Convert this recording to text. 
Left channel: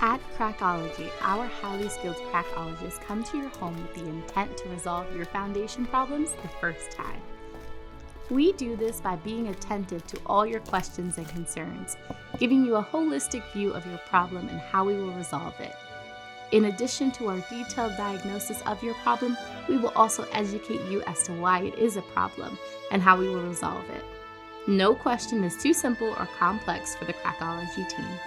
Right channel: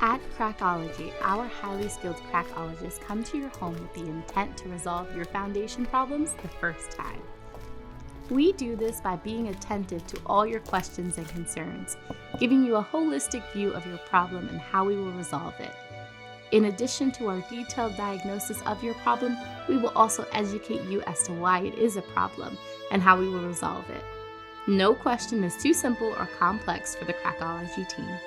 At Crackology, our highly skilled crackologists come to your home with the intent to resolve your foundation problems the first time. We do this by being attentive to all your questions and concerns, giving you a holistic view of your problem and how we will resolve it. In addition to our detailed diagnosis of your problem, we will also educate you as to why it is a problem and how we will resolve it. No question is too simple or complex for the Crackology team.